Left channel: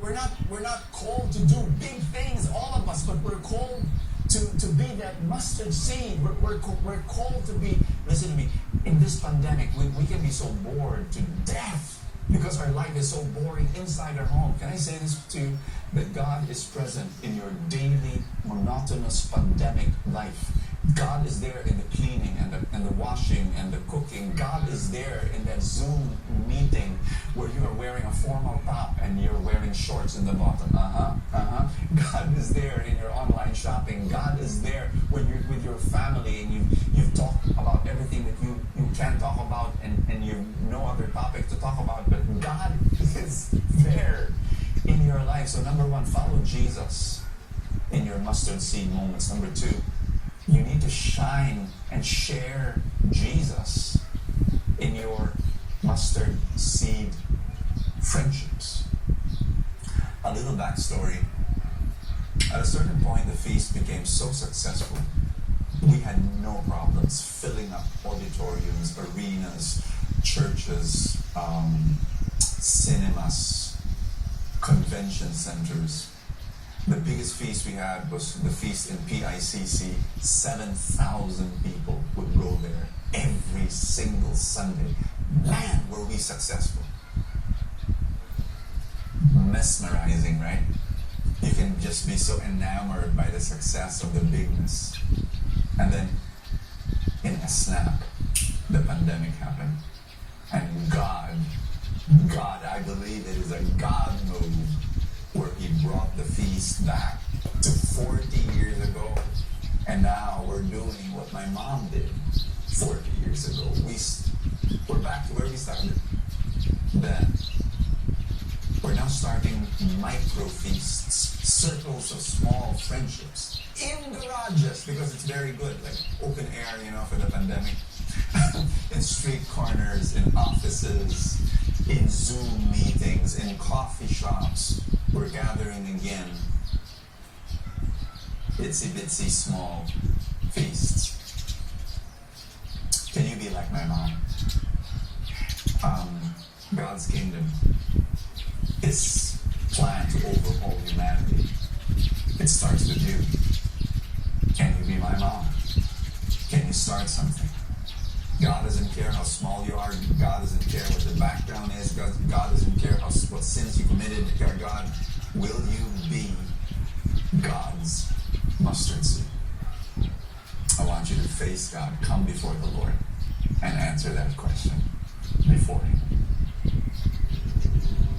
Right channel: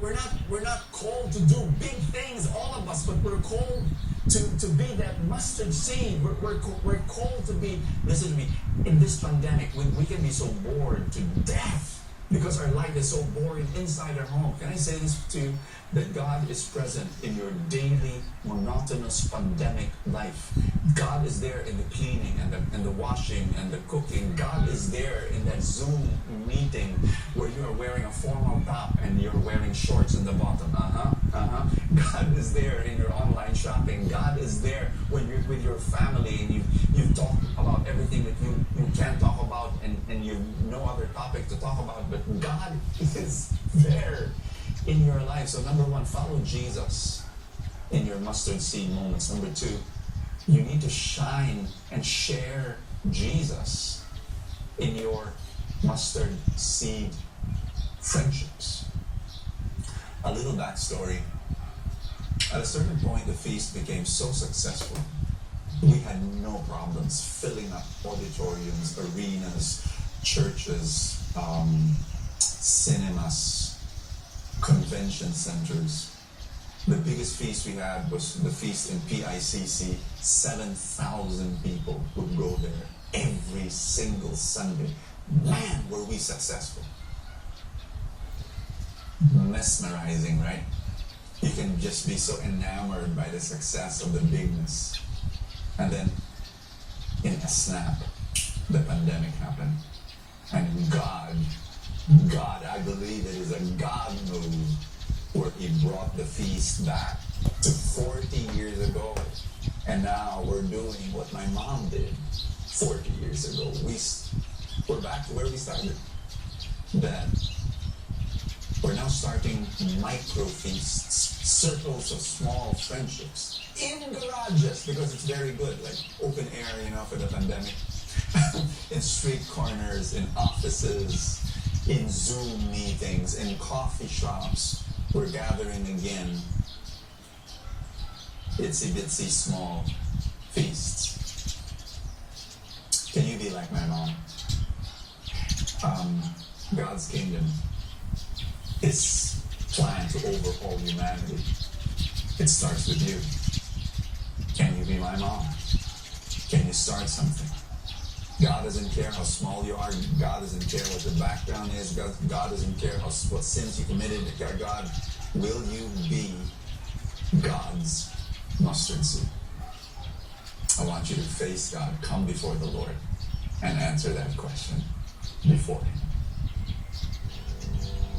We're not called to do big things, all of us, but we're called to be that mustard seed. We're called to be, listen to me, in this pandemic, we can be so bored to death because our life is so boring inside our home. Can I say this to you? That God is present in your daily, monotonous pandemic life. God is there in the cleaning and the washing and the cooking. God is there in that Zoom meeting where you are wearing a formal top and you're wearing shorts in the bottom. God is there in your online shopping. God is there when you're with your family and you've talked about everything that you can talk about and you no other topic to talk about, but God is there in your life. So number one, follow Jesus in your mustard seed moments. Number two, you need to shine and share Jesus in your mustard seed friendships. A little backstory. At a certain point, the feast became so successful, we had no problems filling up auditoriums, arenas, churches, cinemas, convention centers. The biggest feast we had was the feast in PICC. 7,000 people would go there every single Sunday. Man, were we successful. Mesmerizing, right? You can just be so enamored by the success of the bigness. And then, in a snap, the pandemic happened. And God, I believe it is a God move where He brought the feast back to 40 years ago. And now we're doing what my mom did 40 years ago. We're back to where we started then. We're now starting micro feasts, circles of small friendships in garages because it's very good, like open air, for the pandemic. In street corners, in offices, in Zoom meetings, in coffee shops, we're gathering again. Itsy bitsy small feasts. Can you be like my mom? God's kingdom is planned to overhaul humanity. It starts with you. Can you be my mom? Can you start something? God doesn't care how small you are. God doesn't care what the background is. God doesn't care what sins you committed. God, will you be God's mustard seed? I want you to face God, come before the Lord, and answer that question before Him.